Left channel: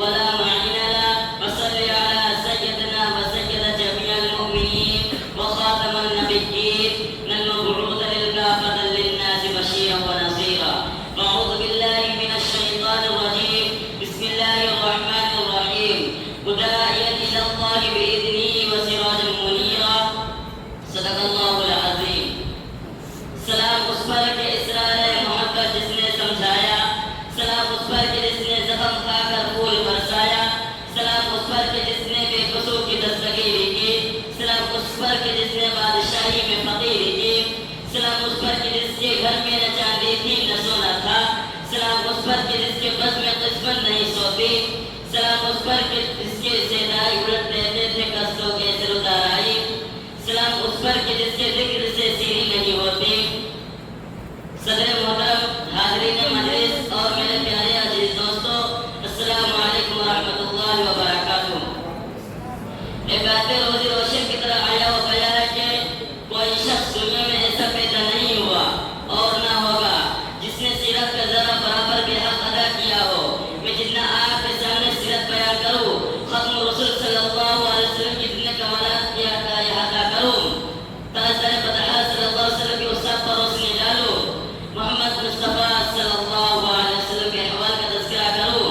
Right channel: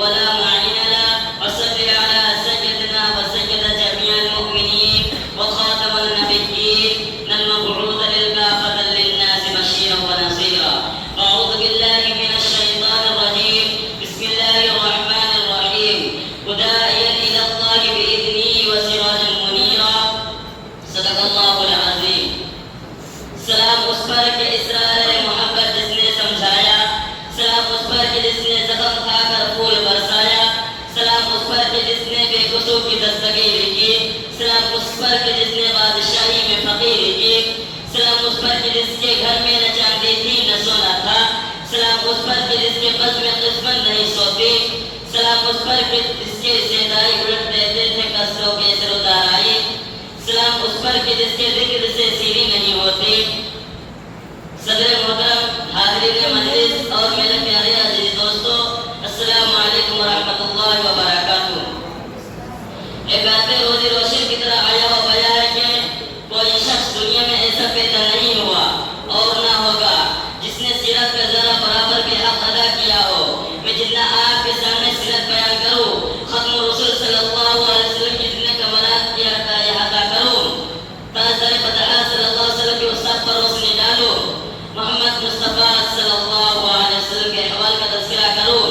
ولا معين له. وصل على سيدنا وسيد جميع المؤمنين وخاتم النبيين المبعوث للكافة للناس بشيرا ونذيرا. أعوذ بالله من الشيطان الرجيم. بسم الله الرحمن الرحيم. وداعيا إلى الله بإذنه وسراجا منيرا. صدق الله العظيم. سلام اس پر کہ اسرار محبت جس نے سمجھایا، سلام اس پر کہ جس نے زخم کھا کر پھول برسایا، سلام اس پر کہ جس نے بے قصو کی دستگیری کی، سلام اس پر کہ جس نے بادشاہی میں فقیری کی، سلام اس پر کہ جس کے گھر میں نہ چاندی تھی نہ سونا تھا، سلام اس پر کہ جس کے بز میں قسمت نہیں سوتی، سلام اس پر کہ جس کے سیدائی اڑت دیتے تھے قصدوں کے سر اتار آئی، سلام اس پر کہ جس کے ذکر سے سیری نہیں ہوتی. صدر محترم، حاضرین مجلس اور میرے پیارے عزیز دوستو، السلام علیکم ورحمۃ اللہ وبرکاتہ. ایک بات روزی روشن کی طرح آیا و گیا ہے کہ کوئی شخص دنیا میں ایسا پیدا نہیں ہوا اور نہ ہوگا جس نے سیرت کا ذرا برابر بھی حق ادا کیا ہو. میں جتنا آپ کے سامنے سیرت بیان کروں، ختم رسول صلی اللہ علیہ وسلم کی جتنے کمالات کیا کا احاطہ کروں، تاجدار فتح صلی اللہ علیہ وسلم کی وصف پر روشنی ڈالوں، محمد مصطفیٰ صلی اللہ علیہ وسلم کے احوال کا تذکرہ کروں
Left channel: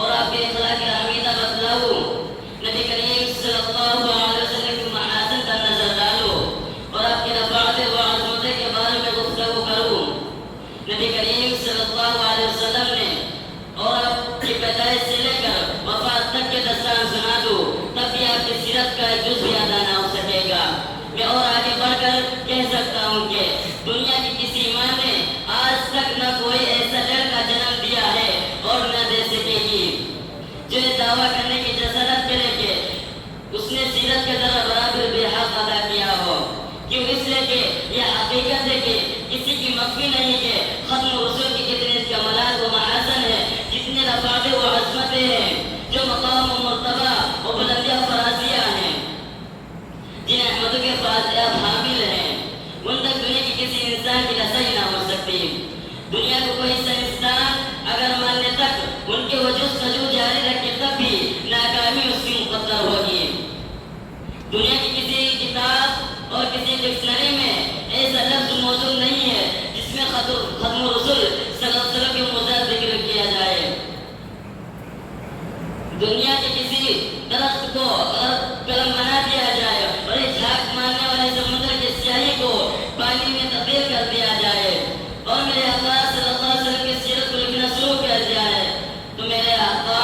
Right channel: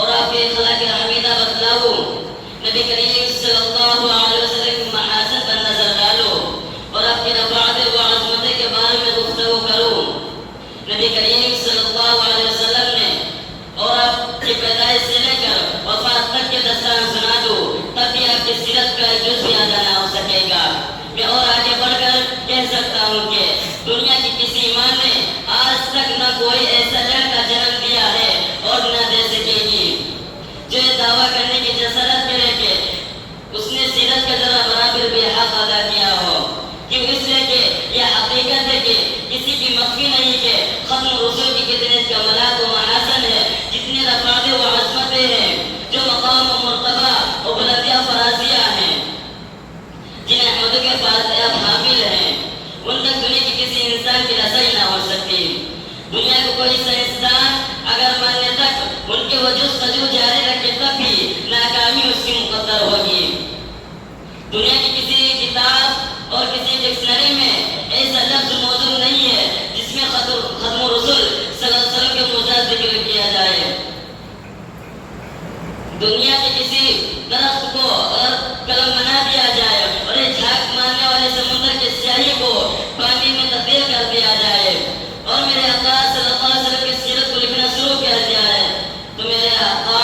اور آپ کے اخلاق حمیدہ بتلاؤں، نبی کریم صلی اللہ علیہ وسلم کی محاسن پر نظر ڈالوں اور آپ کے رفعت و عظمت کے بارے میں گفتگو کروں. نبی کریم صلی اللہ علیہ وسلم نے اور آپ کی پیدائش سے لے کر وفات تک کے داستان سنا دوں، تب بھی آپ کی سیرت کا ایک جز بھی ادا نہ ہو سکے گا. میں اور آگے بڑھ کر کہہ سکتا ہوں کہ دنیا کی کسی ماں نے آج تک نہ کوئی ایسا لڑکا جنم دیا ہے اور نہ دے سکے گی جو دعویٰ کرنے کی جسارت کرے کہ اس نے سیرت کا ذرا برابر بھی حق ادا کیا ہو. کیوں؟ اس لیے کہ یہ حقیقت ہے کہ کسی کی مخفی نہیں کہ ختم رسول کی کتنے کمالات و محاسن ہے، جتنے رفعت و عظمتیں ہیں، جو مقام و مرتبہ و بلندیاں و فرازیاں ہیں، جنہیں احمد کے پاس اب حامل ہیں، ان تک دنیا کی کسی انسان کی رسائی نہ ہو سکتی. دنیا کو کوئی سائنسدان اگر ماننے تک ان کے وجود سجود جاری رکھے تب بھی ناکامی اس کی مقدر ہوگی. دنیا کی کسی کتاب اور کسی ڈکشنری میں ایسا لفظ موجود نہیں ہے جس میں ختم رسول صلی اللہ علیہ وسلم کے مزاج ذکر کیا جائے. دنیا کے کسی درخت کو اگر قلم بنا دیا جائے اور یہ جھاگ مارنے والے سمندر کی سیاہی کو پانی میں تبدیل کر دیا جائے اور میرے آقا صلی اللہ علیہ وسلم کی سیرت کو لکھنا شروع کیا جائے تو میرے آقا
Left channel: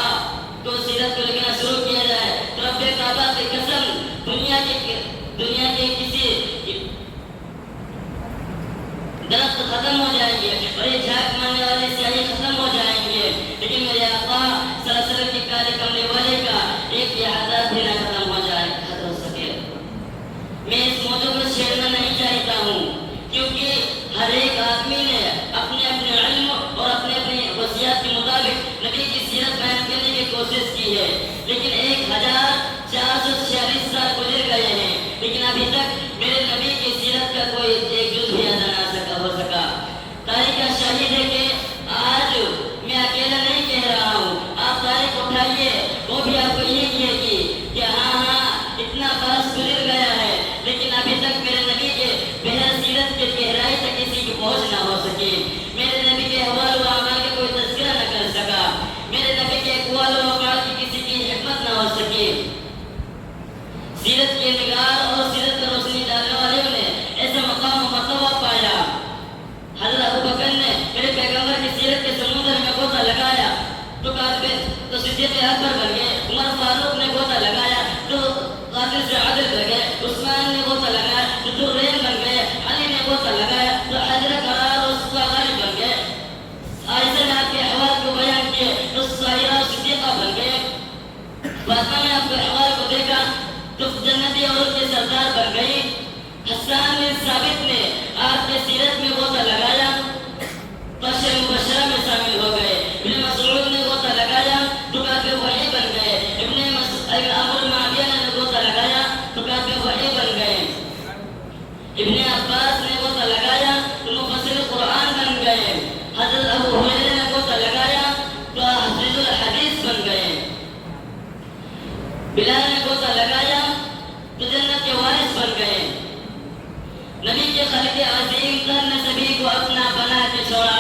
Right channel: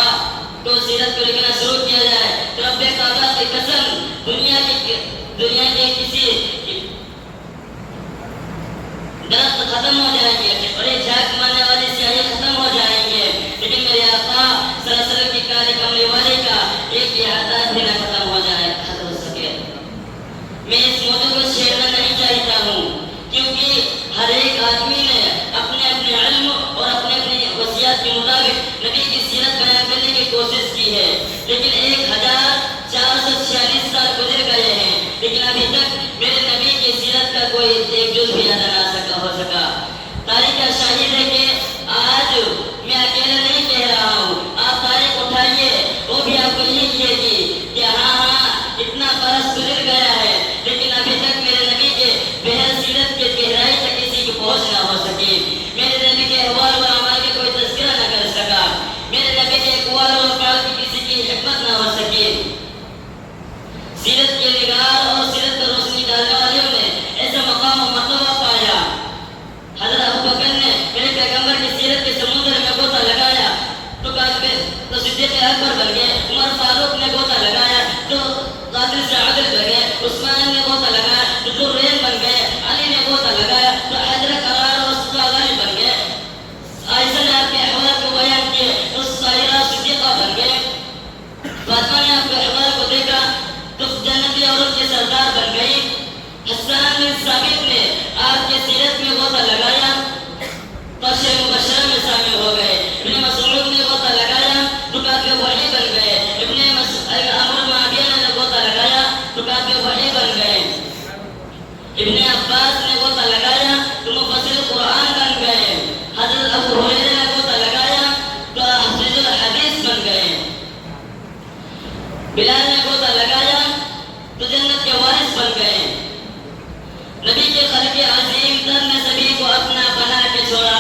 کو سیرت کو لکھنا شروع کیا جائے تو رب کعبہ کی قسم دنیا کے کسی درخت ختم ہو جائیں گے اور یہ جھاگ مارنے والی سیاہی ختم ہو جائیں گے، لیکن میرے آقا صلی اللہ علیہ وسلم کی کالی کملی والے کا ایک احاطہ بھی نہ ختم ہو سکے. میں اس موضوع کو چھیڑنا نہیں چاہتا ہوں کیونکہ ہر ایک آدمی نے اپنے اپنے علم اور اپنے اپنے وصیات کے مطابق نبی کی سیرت بیان کرنے کی کوشش کی ہے، لیکن 1446 سال گزر گئے ہیں لیکن ابھی تک میرے نبی کی سیرت کا کوئی ایک جز بھی ادا نہ ہو سکا. تاریخ کا شاہد ہے کہ آج میں اکیلا نہیں کہہ رہا ہوں، آپ تاریخ اٹھائیے وہ بھی آپ کو یہی کہے گی کہ ہاں اتنا برس گزر گیا ہے لیکن ابھی تک میرے نبی کے بہر سیرت کے گہرائی تک کسی کی پہنچ نہ ہو سکی. میرے نبی کے احوال و اعمال کا کوئی تذکرہ نہ کر سکا، میرے نبی کے اقوال و افعال کی کسی کی حکمت نہ ہو سکی. سیرت کے نگار اور سیرت پر روشنی ڈالنے والوں نے ایسا مقام و مرتبہ پایا. حضرت ابوبکر نے میرے پیغمبر کی سیرت کے سمندر میں غوطہ لگایا تو صدیق اکبر بن گئے، عمر فاروق نے غوطہ لگایا تو قاتل سے عادل بن گئے، عثمان نے غوطہ لگایا تو ذوالرین بن گئے، علی نے غوطہ لگایا تو حیدر قرار اور غالب بن گئے، عائشہ نے آپ کے احوال کو بیان کیے تو سائرہ صدیقہ بن گئے، فاطمہ نے آپ کے احوال کو دیکھا تو جنتی عورت کے سردار بن گئی، حسان بن ثابت نے آپ کے سیرت میں غوطہ لگایا تو عشرہ مبشرہ میں شامل ہو گئے، ابن مسعود نے غوطہ لگایا تو کاتب وحی بن گئے، ابن عمرو معاویہ نے غوطہ لگایا تو کاتب وحی بن گئے، ابن عباس نے غوطہ لگایا تو مفسر قرآن بن گئے، حضرت ابو ہریرہ نے غوطہ لگایا تو حافظ الحدیث وارث بن گئے. بلال نے غوطہ لگایا تو جنت کے وارث بن گئے. نبی کے خلق عظیم تر نے سبھی کو اپنا بنا کے چھوڑا.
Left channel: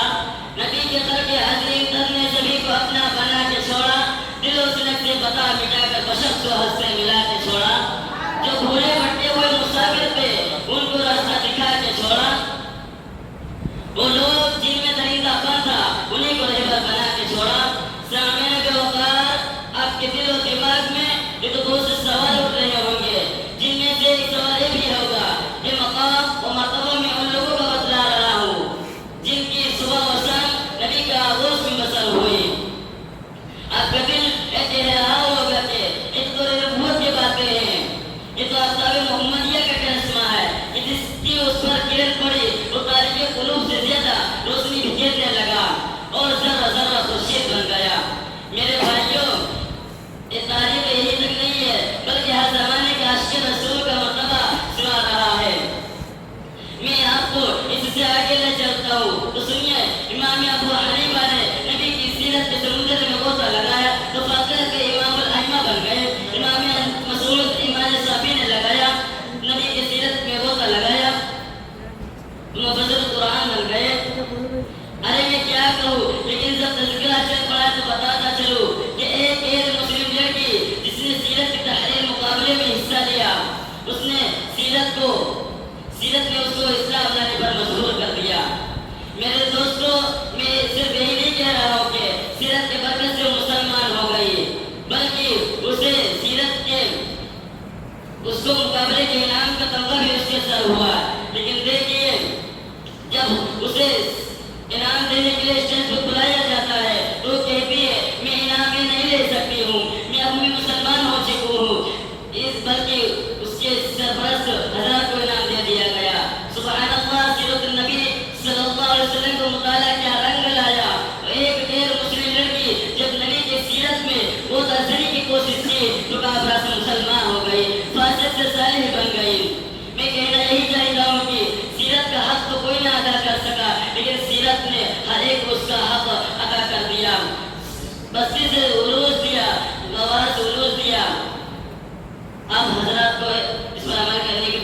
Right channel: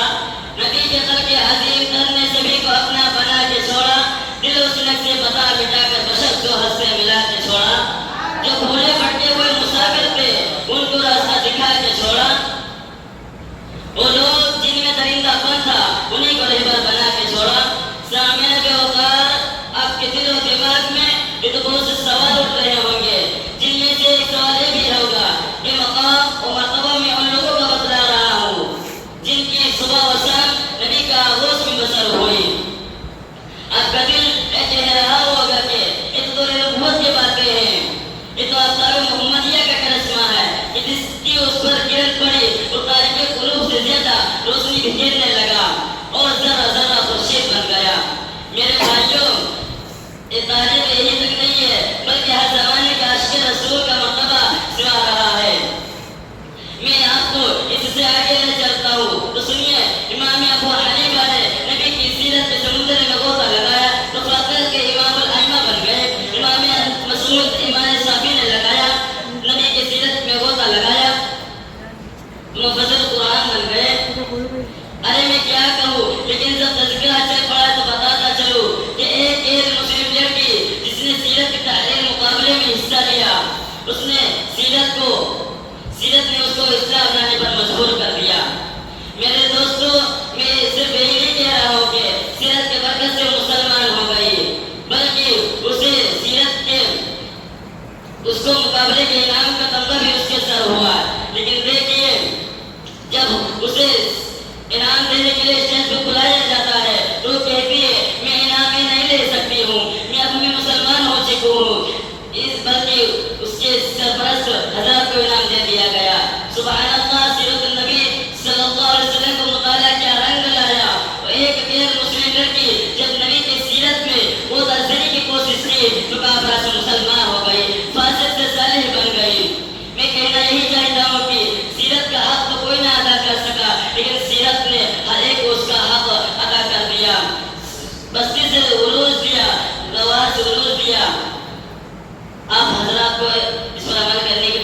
نبی کے خلق عظیم تر نے سبھی کو اپنا بنا کے چھوڑا. دل و سنک سے بتا مٹا کر بشر کو حد سے ملا کے چھوڑا. جو بھولے بھٹکے ہوئے مسافر تھے ان کو راستہ دکھا کے چھوڑا. وہ لوگ جن میں درندہ پن تھا انہیں کو رہبر بنا کے چھوڑا. سامعین بے وقار، آپ کے دل و دماغ میں یہ تو بہت سے سوال اٹھ رہے ہوں گے، جن میں سے ایک سوال یہ بھی ہوگا کہ مقام و مرتبہ میں ان لوگوں کا بتلا رہا ہوں جن کی صبح و شام نبی کا آغوش میں بسر ہوئی. آپ کا دل کہہ رہا ہوگا کہ یہ تو نبوت کی باتیں ہیں، یہ تو آفتاب محمدیہ کا کرشمہ ہے کہ جس کی اس پر کرن پڑی وہ تاریخ قلوب سے زیادہ روشنی بکھیرنے لگا اور ذرہ ذرہ خورشید بن گیا. میرے بھائیوں، یہ تاریخ یہی تک نہیں ہے بلکہ ہر زمانے کے عاشق رسول کا مرتبہ سنا رہا ہے. میں آپ کو اس سے آگے لے چلتا ہوں تو سنیے. امام ابو حنیفہ نے نبی کی سیرت کے سمندر میں غوطہ لگایا تو فاطر کے امام الائمہ بن گئے. امام مسعود امام شافعی نے لگایا، نبی کی سیرت میں غوطہ لگایا، مفسر قرآن بن گئے. ارے میں کیا کہوں، لیکن جب تذکرہ چل پڑا تو بتاتا چلوں کہ ایک مسلم لڑکی جس نے سیرت کے تحریر مقابلے میں حصہ لیا، اس نے سیرت نے اس کو اسلام لانے پر مجبور کر دیا. میرے دوستوں، میں صرف یہی نہیں کہہ رہا ہوں کہ سیرت کے برکت سے مسلمان ہو گئی، بلکہ اسے سیرت کے اس کو مقابلے کے انعام کا تمغہ بھی اس کے سر ہوا. لیکن دیکھیے، جب اسے انعام دینے کے لیے اسٹیج پہ بلایا جاتا ہے تو وہ کہتی ہے میں انعام ہی نہیں لے سکتی ہوں، میں اب میں مسلمان ہو چکی ہوں. بلکہ اس کے سرپرست حضرات کو انعام دے دیا گیا. سبحان اللہ، سیرت النبی صلی اللہ علیہ وسلم کو مطالعہ کیا رنگ لایا. ایک غیر مسلم لڑکی جب نبی کی سیرت میں وہ ترجمے کی کوشش کی تو کافرہ سے مسلمان ہو گئی، فاسق سے صالح بن گئی. میں کہنا یہی چاہتا ہوں کہ سیرت کا حق تو کوئی نہ ادا کر سکا، لیکن سیرت نے ہر ایک کو اس کا حق ادا کر دیا. بستی سے عروج دیا، گوار سے عروج دیا. آپ حضرات کو اس پر عمل کرنے کی